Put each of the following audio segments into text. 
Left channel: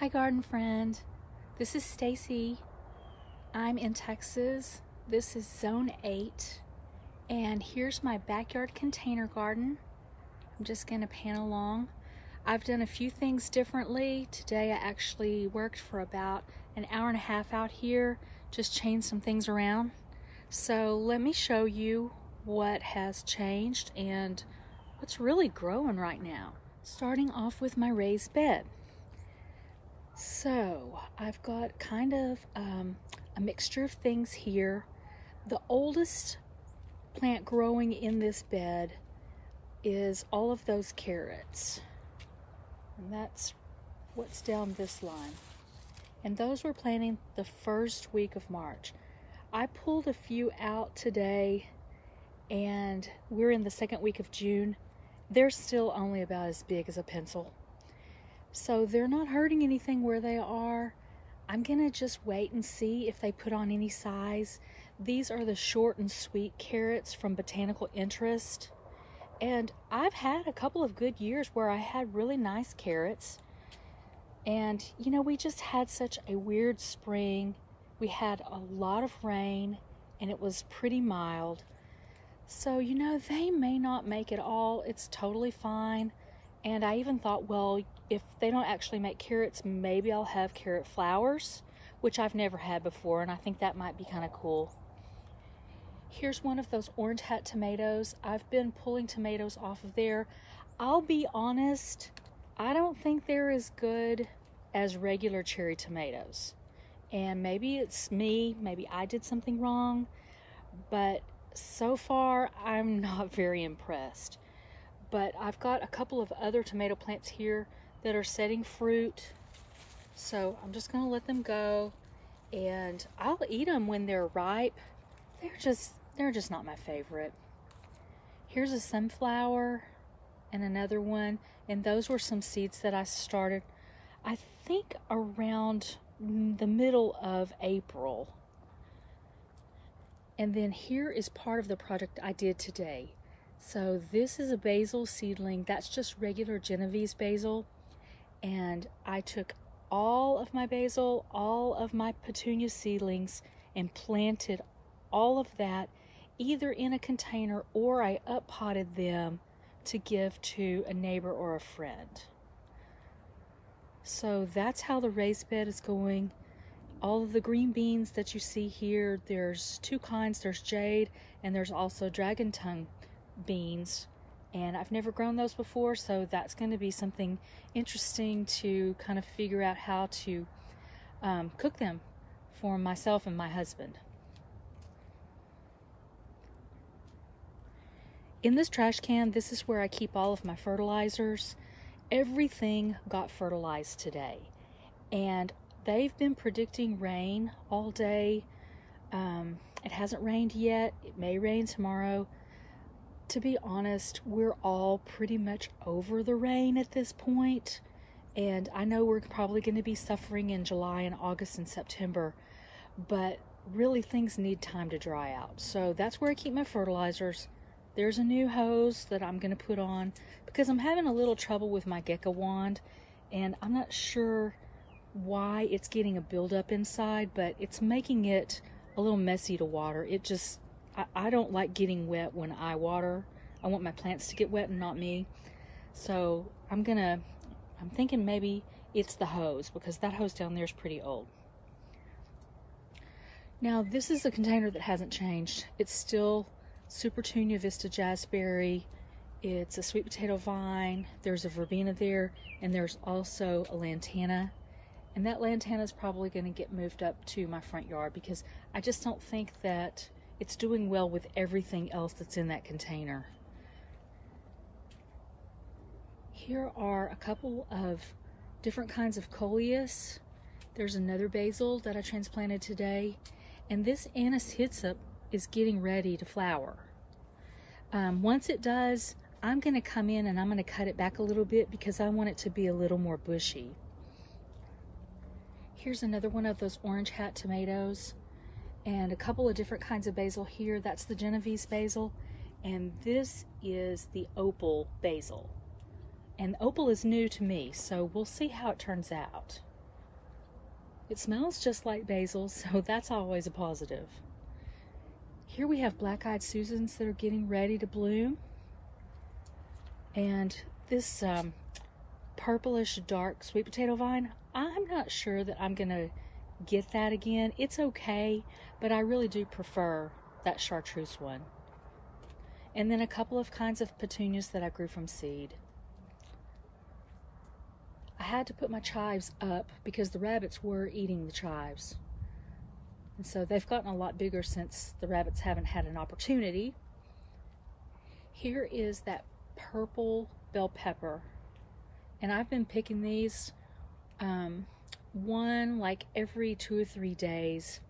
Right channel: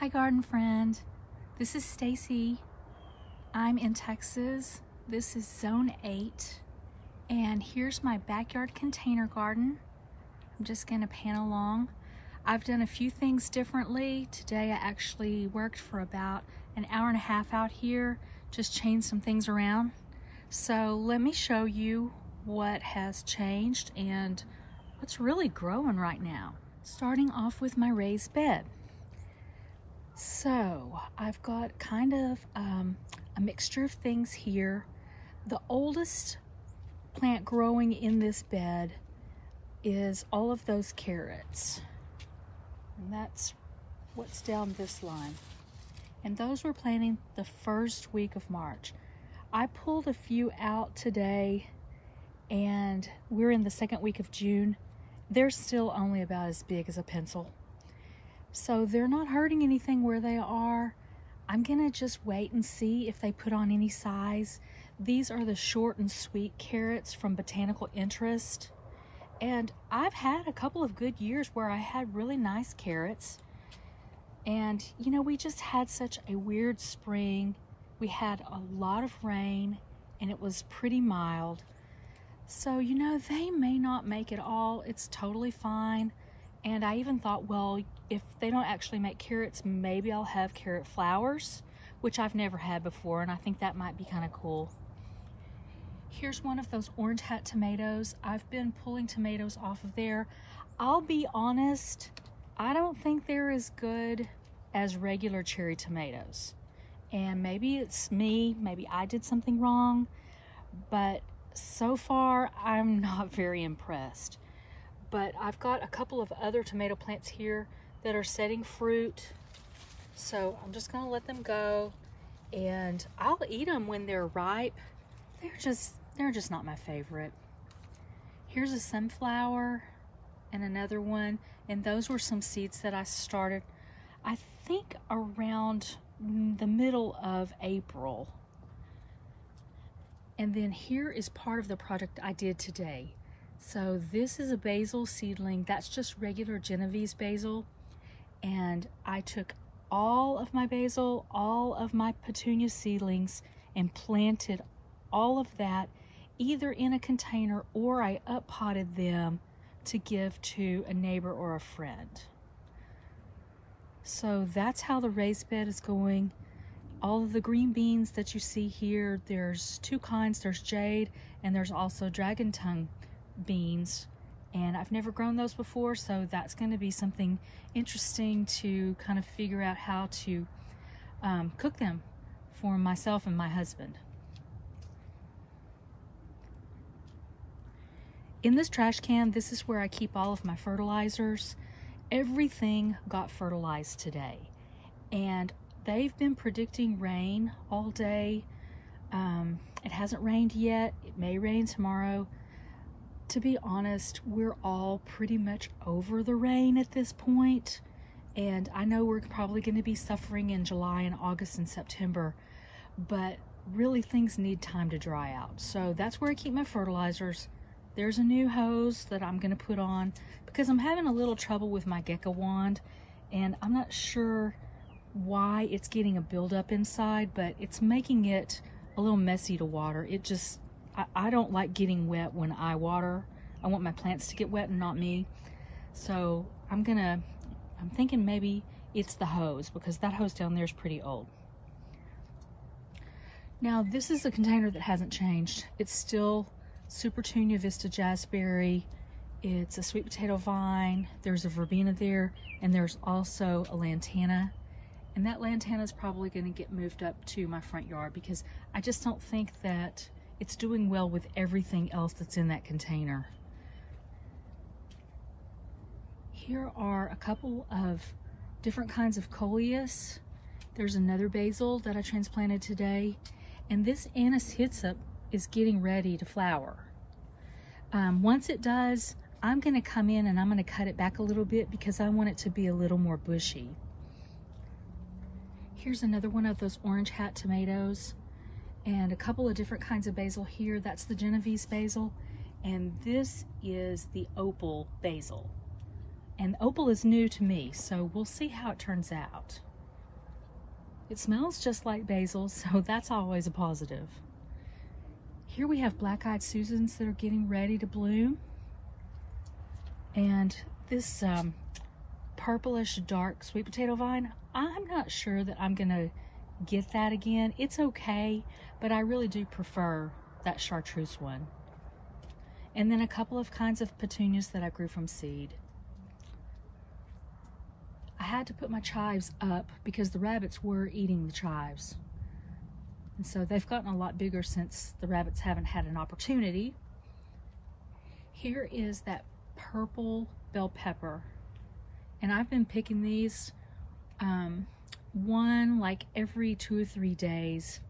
Hi garden friend, this is Stacy. I'm in Texas. This is zone 8 and here's my backyard container garden. I'm just going to pan along. I've done a few things differently. Today I actually worked for about an hour and a half out here, just changed some things around. So let me show you what has changed and what's really growing right now. Starting off with my raised bed. So I've got kind of a mixture of things here. The oldest plant growing in this bed is all of those carrots. And that's what's down this line. And those were planting the first week of March. I pulled a few out today and we're in the second week of June. They're still only about as big as a pencil. So they're not hurting anything where they are. I'm gonna just wait and see if they put on any size. These are the short and sweet carrots from Botanical Interest. And I've had a couple of good years where I had really nice carrots. And you know, we just had such a weird spring. We had a lot of rain and it was pretty mild. So, you know, they may not make it all. It's totally fine. And I even thought, well, if they don't actually make carrots, maybe I'll have carrot flowers, which I've never had before, and I think that might be kind of cool. Here's one of those orange hat tomatoes. I've been pulling tomatoes off of there. I'll be honest, I don't think they're as good as regular cherry tomatoes. And maybe it's me, maybe I did something wrong, but so far I'm not very impressed. But I've got a couple of other tomato plants here that are setting fruit. So I'm just gonna let them go and I'll eat them when they're ripe. They're just not my favorite. Here's a sunflower and another one. And those were some seeds that I started, I think around the middle of April. And then here is part of the project I did today. So this is a basil seedling. That's just regular Genovese basil. And I took all of my basil, all of my petunia seedlings, and planted all of that either in a container or I up-potted them to give to a neighbor or a friend. So that's how the raised bed is going. All of the green beans that you see here, there's two kinds. There's jade and there's also dragon tongue beans, and I've never grown those before, so that's going to be something interesting to kind of figure out how to cook them for myself and my husband. In this trash can, this is where I keep all of my fertilizers. Everything got fertilized today, and they've been predicting rain all day. It hasn't rained yet. It may rain tomorrow. To be honest, we're all pretty much over the rain at this point, and I know we're probably going to be suffering in July and August and September, but really things need time to dry out. So that's where I keep my fertilizers. There's a new hose that I'm going to put on because I'm having a little trouble with my gecko wand, and I'm not sure why it's getting a buildup inside, but it's making it a little messy to water. I don't like getting wet when I water. I want my plants to get wet and not me. So I'm thinking maybe it's the hose, because that hose down there is pretty old. Now this is a container that hasn't changed. It's still Supertunia Vista Jazzberry. It's a sweet potato vine. There's a verbena there, and there's also a lantana. And that lantana is probably going to get moved up to my front yard because I just don't think that it's doing well with everything else that's in that container. Here are a couple of different kinds of coleus. There's another basil that I transplanted today, and this anise hyssop is getting ready to flower. Once it does, I'm going to come in and I'm going to cut it back a little bit because I want it to be a little more bushy. Here's another one of those orange hat tomatoes. And a couple of different kinds of basil here. That's the Genovese basil, and this is the opal basil. And opal is new to me, so we'll see how it turns out. It smells just like basil, so that's always a positive. Here we have black-eyed Susans that are getting ready to bloom. And this purplish dark sweet potato vine, I'm not sure that I'm gonna get that again. It's okay, but I really do prefer that chartreuse one. And then a couple of kinds of petunias that I grew from seed. I had to put my chives up because the rabbits were eating the chives. And so they've gotten a lot bigger since the rabbits haven't had an opportunity. Here is that purple bell pepper. And I've been picking these one like every 2 or 3 days.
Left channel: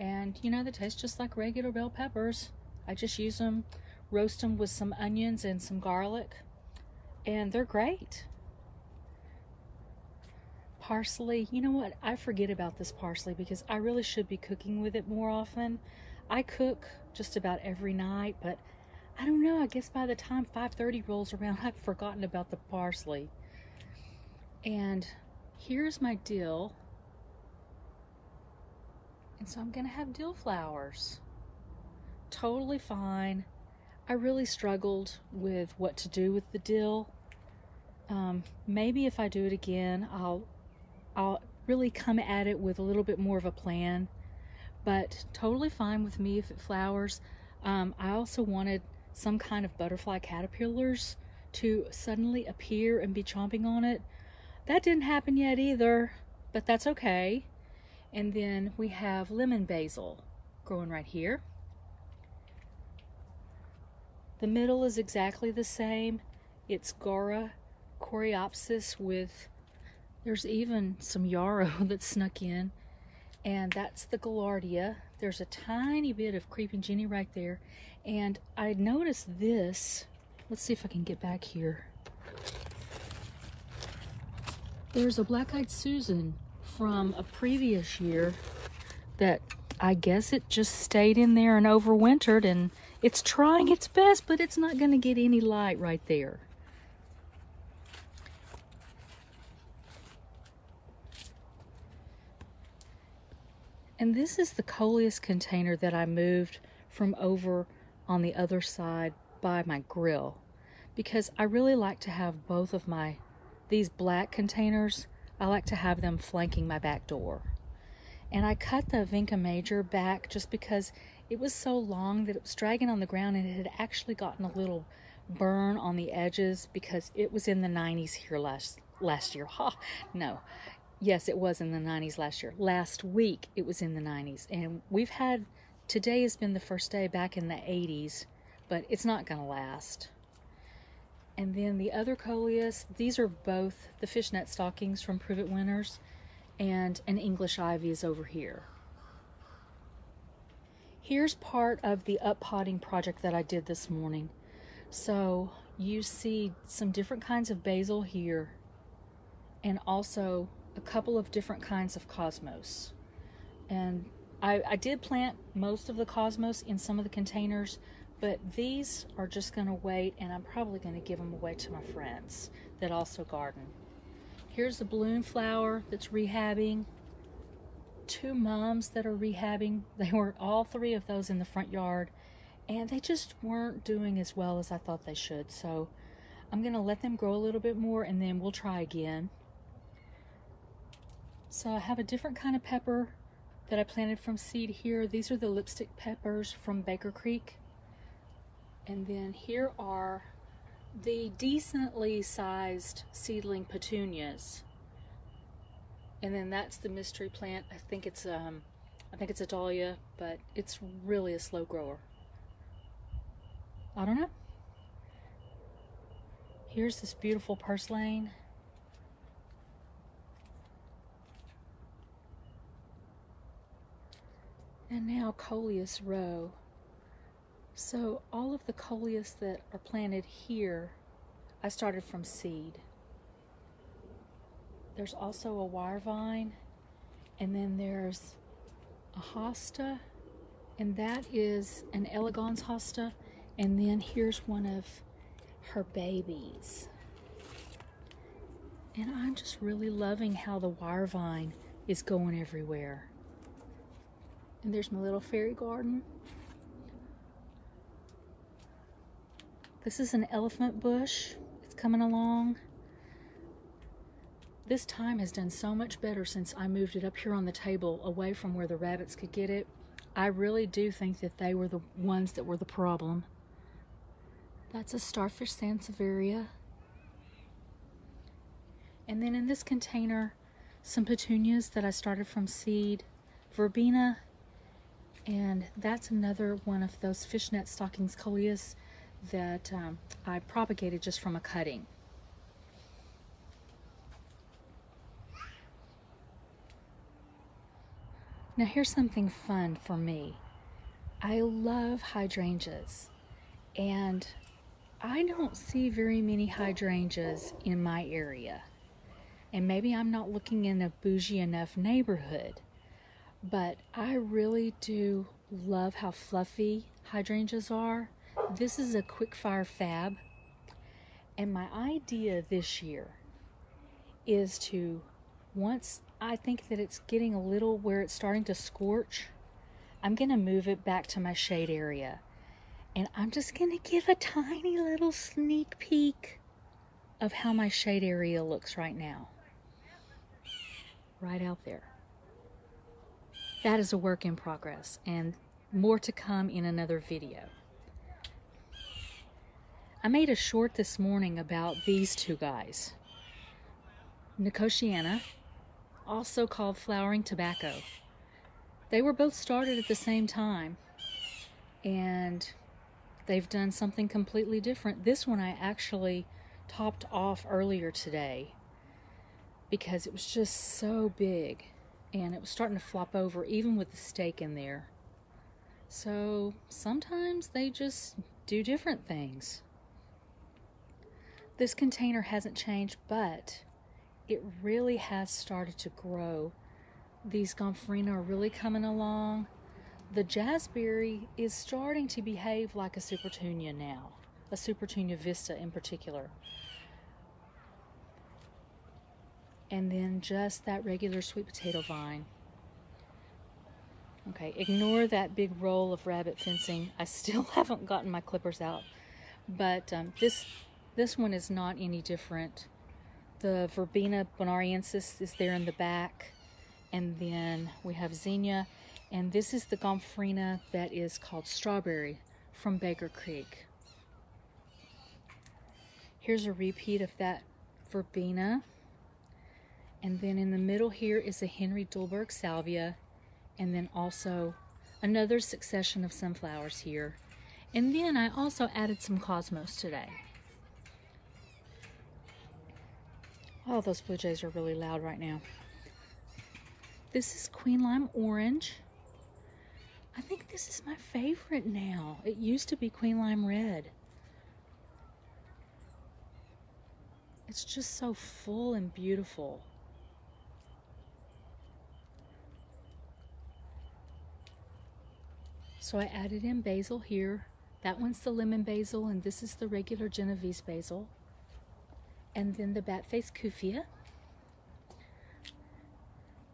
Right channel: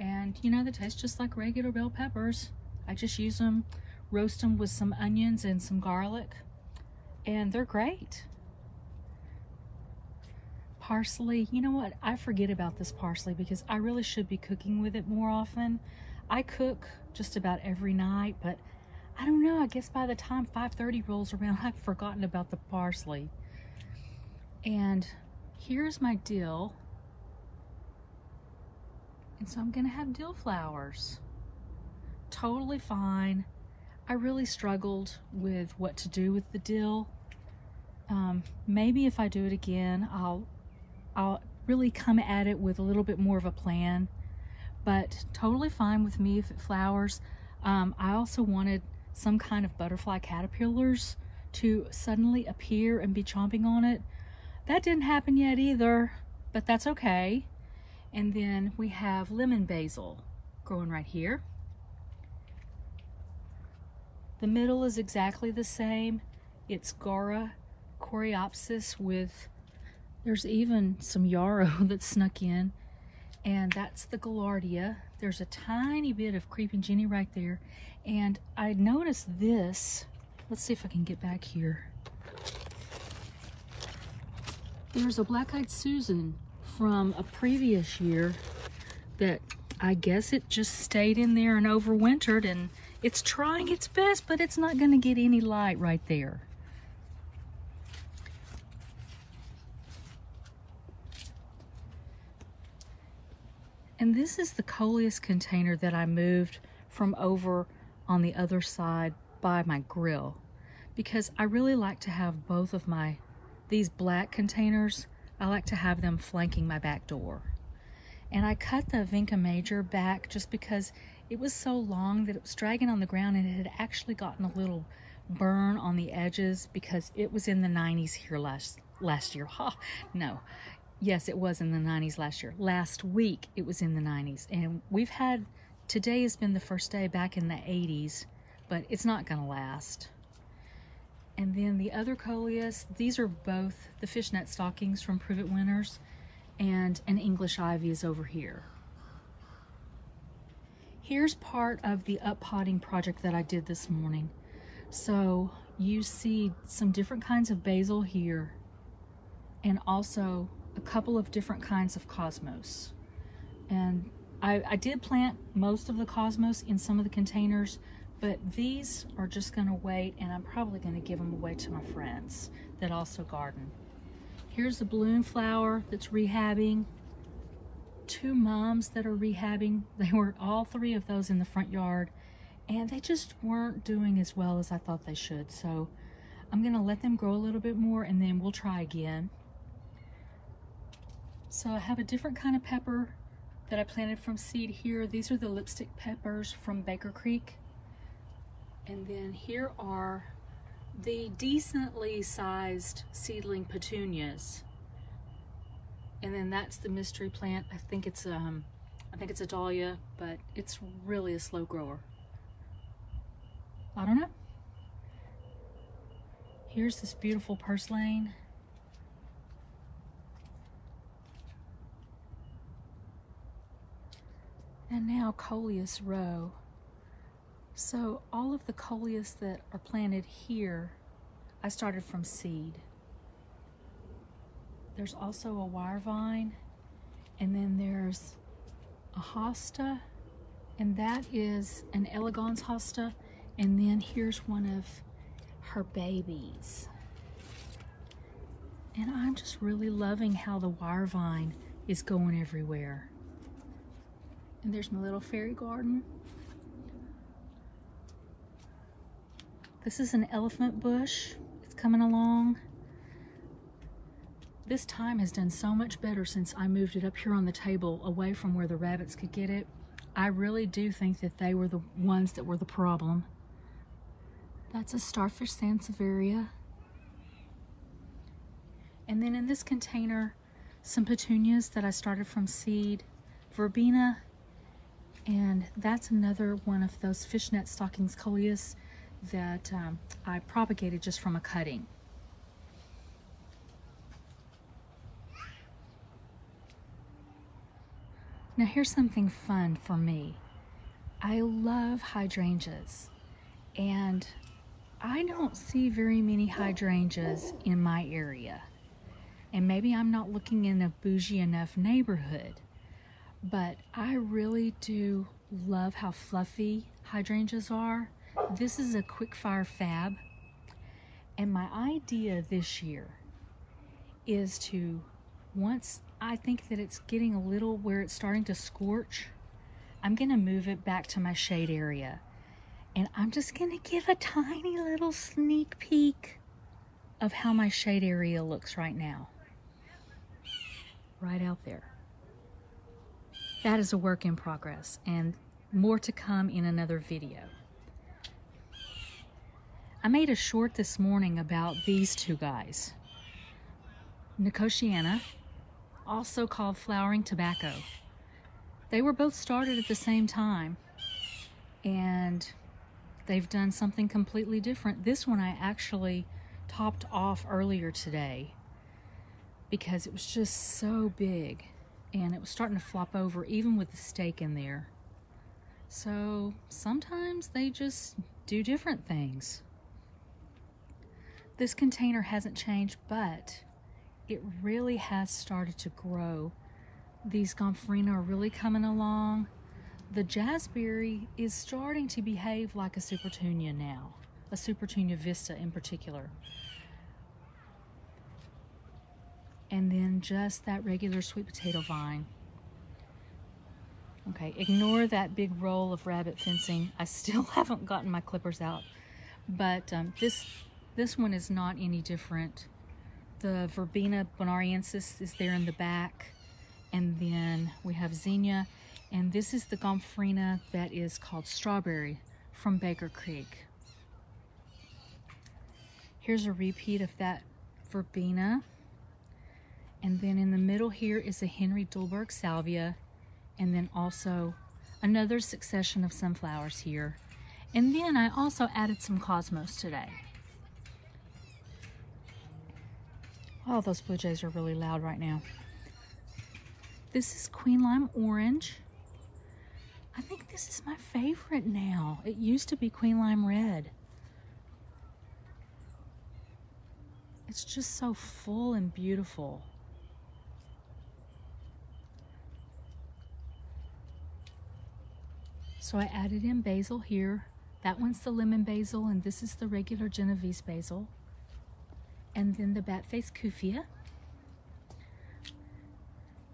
And you know, they taste just like regular bell peppers. I just use them, roast them with some onions and some garlic, and they're great. Parsley, you know what? I forget about this parsley because I really should be cooking with it more often. I cook just about every night, but I don't know, I guess by the time 5:30 rolls around, I've forgotten about the parsley. And here's my dill. And so I'm gonna have dill flowers. Totally fine. I really struggled with what to do with the dill. Maybe if I do it again, I'll really come at it with a little bit more of a plan, but totally fine with me if it flowers. I also wanted some kind of butterfly caterpillars to suddenly appear and be chomping on it. That didn't happen yet either, but that's okay. And then we have lemon basil growing right here. The middle is exactly the same. It's Gora coreopsis with, there's even some yarrow that snuck in, and that's the Gaillardia. There's a tiny bit of creeping Jenny right there. And I noticed this, let's see if I can get back here. There's a black-eyed Susan from a previous year that I guess it just stayed in there and overwintered, and it's trying its best, but it's not gonna get any light right there. And this is the coleus container that I moved from over on the other side by my grill, because I really like to have both of these black containers, I like to have them flanking my back door. And I cut the Vinca Major back just because it was so long that it was dragging on the ground, and it had actually gotten a little burn on the edges because it was in the 90s here last year. Ha, no. Yes, it was in the 90s last year. Last week, it was in the 90s. And today has been the first day back in the 80s, but it's not gonna last. And then the other coleus, these are both the fishnet stockings from Privet Winters, and an English ivy is over here. Here's part of the up-potting project that I did this morning. So you see some different kinds of basil here, and also a couple of different kinds of cosmos. And I did plant most of the cosmos in some of the containers, but these are just gonna wait, and I'm probably gonna give them away to my friends that also garden. Here's the balloon flower that's rehabbing. 2 mums that are rehabbing. They were all 3 of those in the front yard, and they just weren't doing as well as I thought they should. So I'm gonna let them grow a little bit more, and then we'll try again. So I have a different kind of pepper that I planted from seed here. These are the lipstick peppers from Baker Creek. And then here are the decently sized seedling petunias. And then that's the mystery plant. I think it's a dahlia, but it's really a slow grower. I don't know. Here's this beautiful purslane. And now coleus row. So all of the coleus that are planted here, I started from seed. There's also a wire vine, and then there's a hosta, and that is an elegans hosta, and then here's one of her babies. And I'm just really loving how the wire vine is going everywhere. And there's my little fairy garden. This is an elephant bush. It's coming along. This thyme has done so much better since I moved it up here on the table away from where the rabbits could get it. I really do think that they were the ones that were the problem. That's a starfish sansevieria. And then in this container, some petunias that I started from seed, verbena, and that's another one of those fishnet stockings coleus that I propagated just from a cutting. Now here's something fun for me. I love hydrangeas, and I don't see very many hydrangeas in my area. And maybe I'm not looking in a bougie enough neighborhood, but I really do love how fluffy hydrangeas are. This is a quick fire fab, and my idea this year is to, once I think that it's getting a little where it's starting to scorch, I'm gonna move it back to my shade area, and I'm just gonna give a tiny little sneak peek of how my shade area looks right now. Right out there. That is a work in progress, and more to come in another video. I made a short this morning about these two guys. Nicotiana, also called flowering tobacco. They were both started at the same time, and they've done something completely different. This one I actually topped off earlier today because it was just so big, and it was starting to flop over even with the stake in there. So sometimes they just do different things. This container hasn't changed, but it really has started to grow. These gomphrena are really coming along. The jazzberry is starting to behave like a supertunia now, a supertunia vista in particular. And then just that regular sweet potato vine. Okay, ignore that big roll of rabbit fencing. I still haven't gotten my clippers out, but this one is not any different. The verbena bonariensis is there in the back, and then we have zinnia, and this is the gomphrena that is called strawberry from Baker Creek. Here's a repeat of that verbena. And then in the middle here is a Henry Dulberg salvia, and then also another succession of sunflowers here. And then I also added some cosmos today. Oh, those blue jays are really loud right now. This is Queen Lime Orange. I think this is my favorite now. It used to be Queen Lime Red. It's just so full and beautiful. So I added in basil here. That one's the lemon basil, and this is the regular Genovese basil. And then the bat-faced kufia.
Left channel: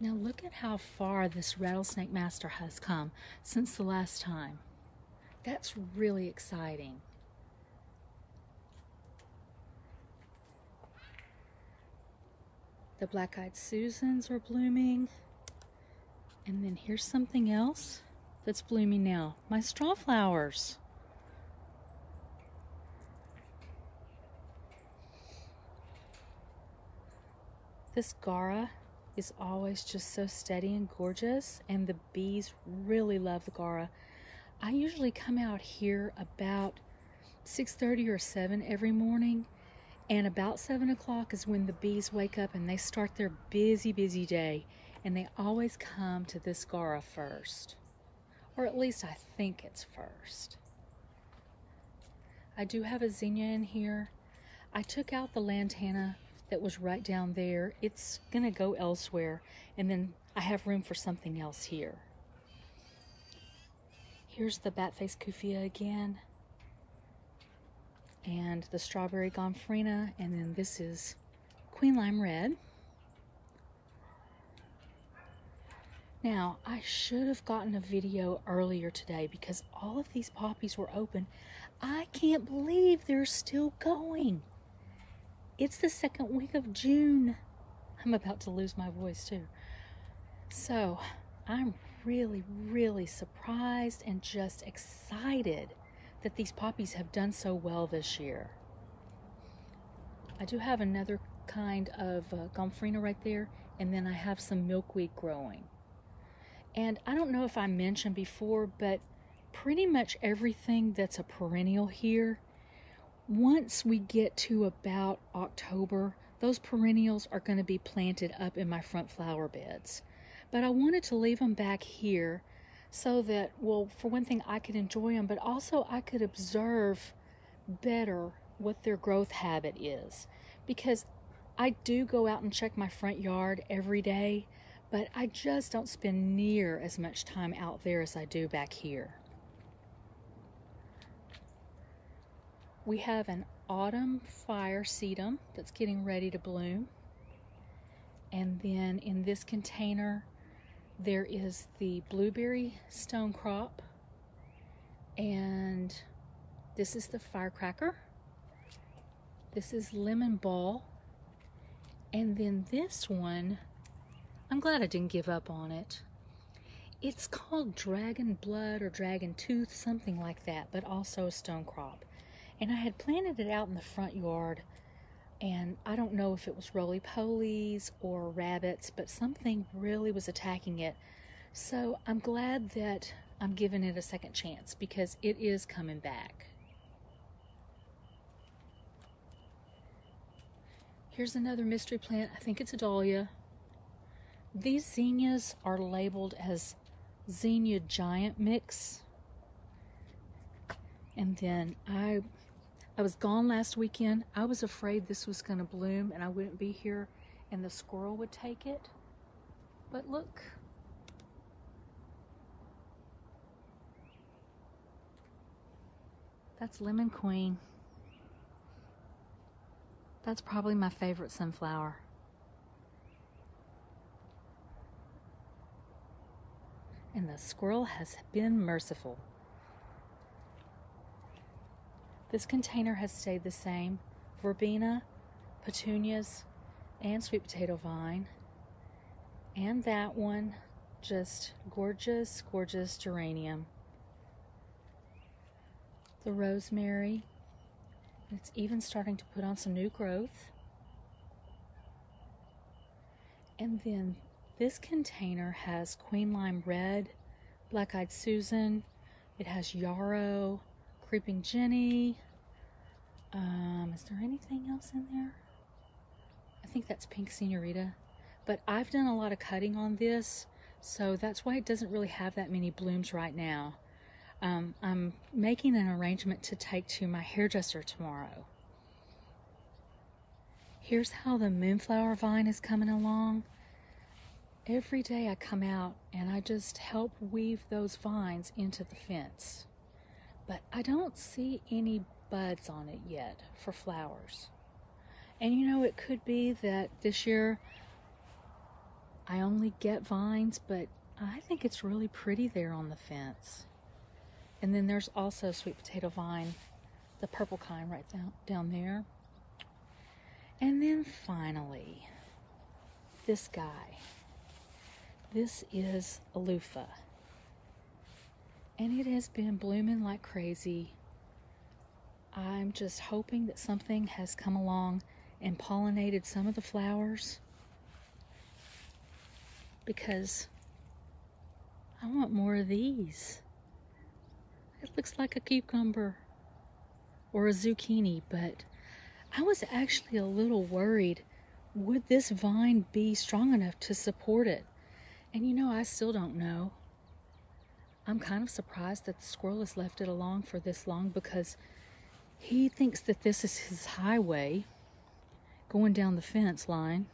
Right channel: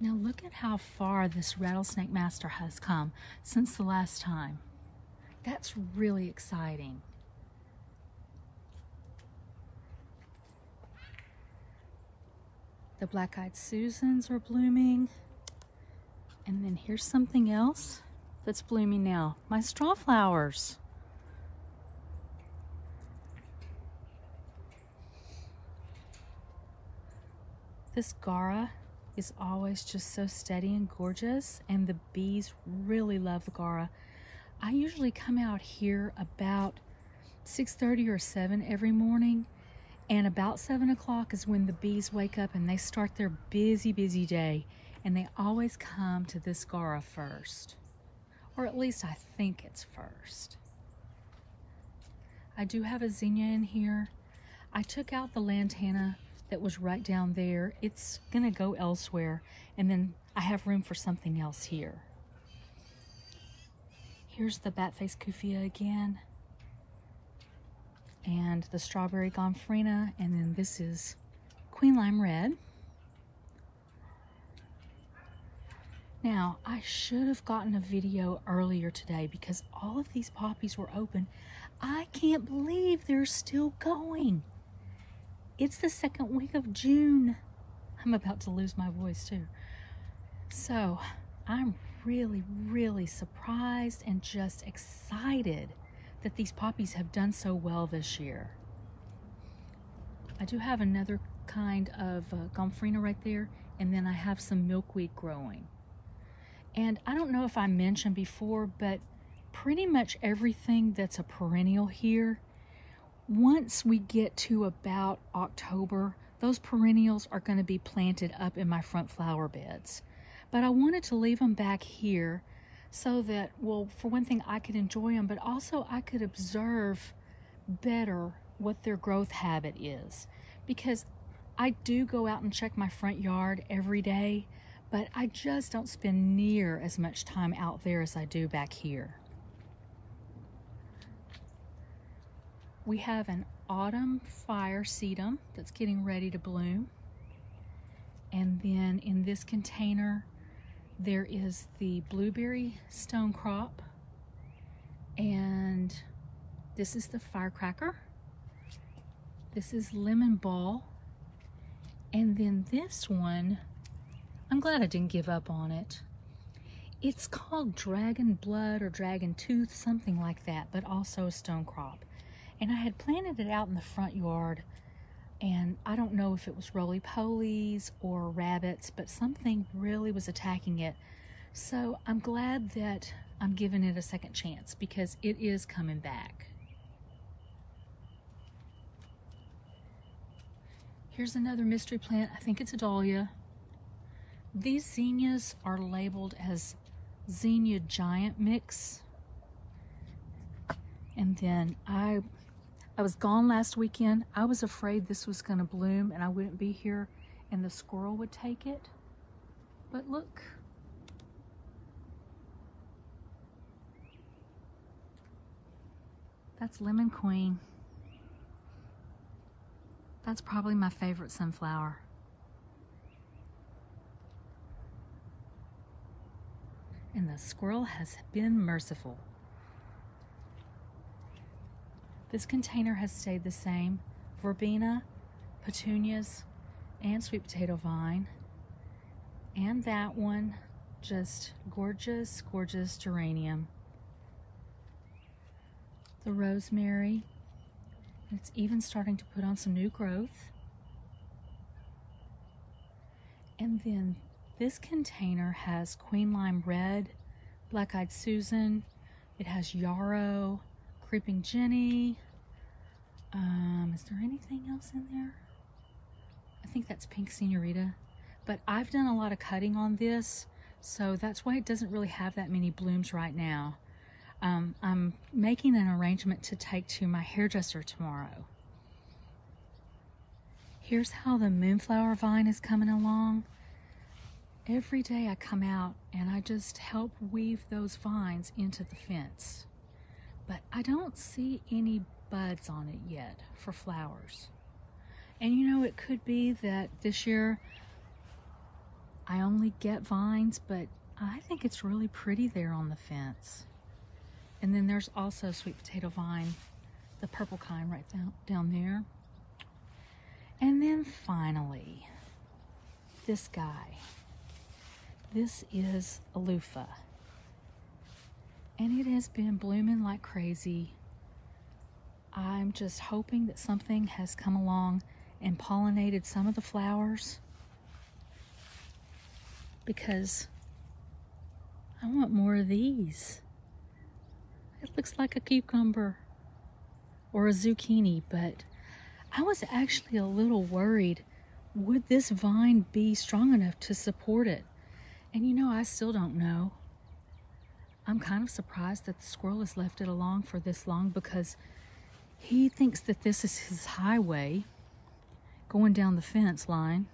Now look at how far this rattlesnake master has come since the last time. That's really exciting. The black-eyed Susans are blooming. And then here's something else that's blooming now. My straw flowers. This Gara is always just so steady and gorgeous, and the bees really love the Gara. I usually come out here about 6:30 or 7 every morning, and about 7 o'clock is when the bees wake up and they start their busy day, and they always come to this Gara first. Or at least I think it's first. I do have a zinnia in here. I took out the lantana that was right down there. It's gonna go elsewhere, and then I have room for something else here. Here's the bat-faced kufia again, and the strawberry gomphrena, and then this is Queen Lime Red. Now, I should have gotten a video earlier today because all of these poppies were open. I can't believe they're still going. It's the second week of June. I'm about to lose my voice too. So I'm really, really surprised and just excited that these poppies have done so well this year. I do have another kind of gomphrena right there, and then I have some milkweed growing. And I don't know if I mentioned before, but pretty much everything that's a perennial here, once we get to about October, those perennials are going to be planted up in my front flower beds. But I wanted to leave them back here so that, well, for one thing, I could enjoy them, but also I could observe better what their growth habit is. Because I do go out and check my front yard every day, but I just don't spend near as much time out there as I do back here. We have an autumn fire sedum that's getting ready to bloom. And then in this container, there is the blueberry stonecrop. And this is the firecracker. This is lemon ball. And then this one, I'm glad I didn't give up on it. It's called dragon blood or dragon tooth, something like that, but also a stonecrop. And I had planted it out in the front yard, and I don't know if it was roly-polies or rabbits, but something really was attacking it. So I'm glad that I'm giving it a second chance because it is coming back. Here's another mystery plant. I think it's a dahlia. These zinnias are labeled as zinnia giant mix. And then I was gone last weekend. I was afraid this was going to bloom and I wouldn't be here and the squirrel would take it. But look. That's Lemon Queen. That's probably my favorite sunflower. And the squirrel has been merciful. This container has stayed the same. Verbena, petunias, and sweet potato vine. And that one, just gorgeous, gorgeous geranium. The rosemary. It's even starting to put on some new growth. And then this container has Queen Lime Red, Black-Eyed Susan. It has yarrow, Creeping Jenny. Is there anything else in there? I think that's Pink Senorita. But I've done a lot of cutting on this, so that's why it doesn't really have that many blooms right now. I'm making an arrangement to take to my hairdresser tomorrow. Here's how the moonflower vine is coming along. Every day I come out and I just help weave those vines into the fence. But I don't see any buds on it yet for flowers. And you know, it could be that this year I only get vines, but I think it's really pretty there on the fence. And then there's also sweet potato vine, the purple kind right down there. And then finally, this guy. This is a loofah. And it has been blooming like crazy. I'm just hoping that something has come along and pollinated some of the flowers, because I want more of these. It looks like a cucumber or a zucchini, but I was actually a little worried. Would this vine be strong enough to support it? And you know, I still don't know. I'm kind of surprised that the squirrel has left it along for this long, because he thinks that this is his highway going down the fence line.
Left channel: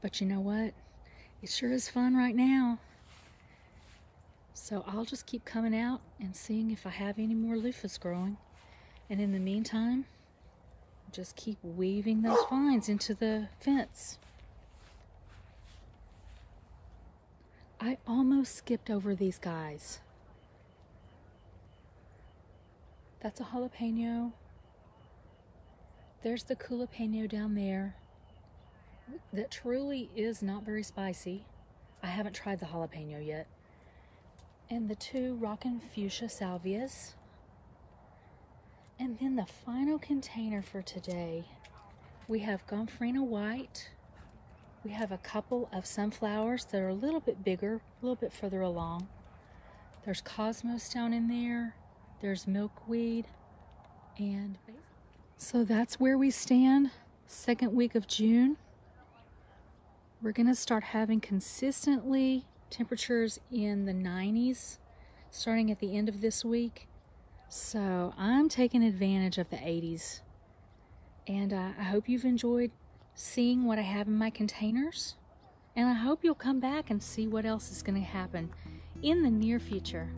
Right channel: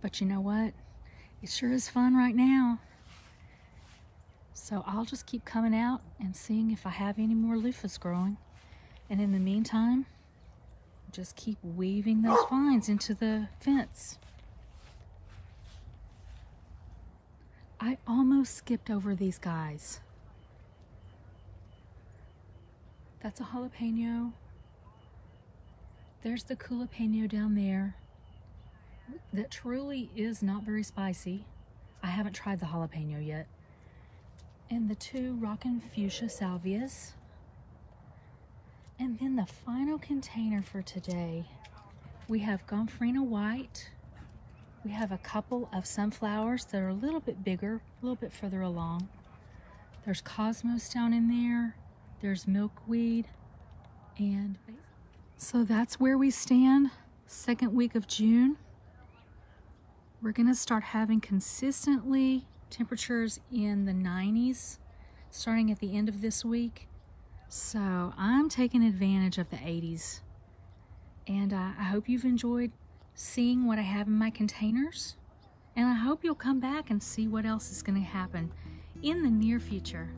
But you know what? It sure is fun right now. So I'll just keep coming out and seeing if I have any more loofahs growing. And in the meantime, just keep weaving those vines into the fence. I almost skipped over these guys. That's a jalapeno. There's the jalapeno down there. That truly is not very spicy. I haven't tried the jalapeno yet. And the 2 rockin' fuchsia salvias. And then the final container for today, we have gomphrena white. We have a couple of sunflowers that are a little bit bigger, a little bit further along. There's cosmos down in there. There's milkweed. And so that's where we stand, 2nd week of June. We're gonna start having consistently temperatures in the 90s starting at the end of this week. So I'm taking advantage of the 80s. And I hope you've enjoyed seeing what I have in my containers. And I hope you'll come back and see what else is gonna happen in the near future.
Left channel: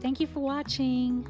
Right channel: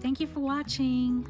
Thank you for watching.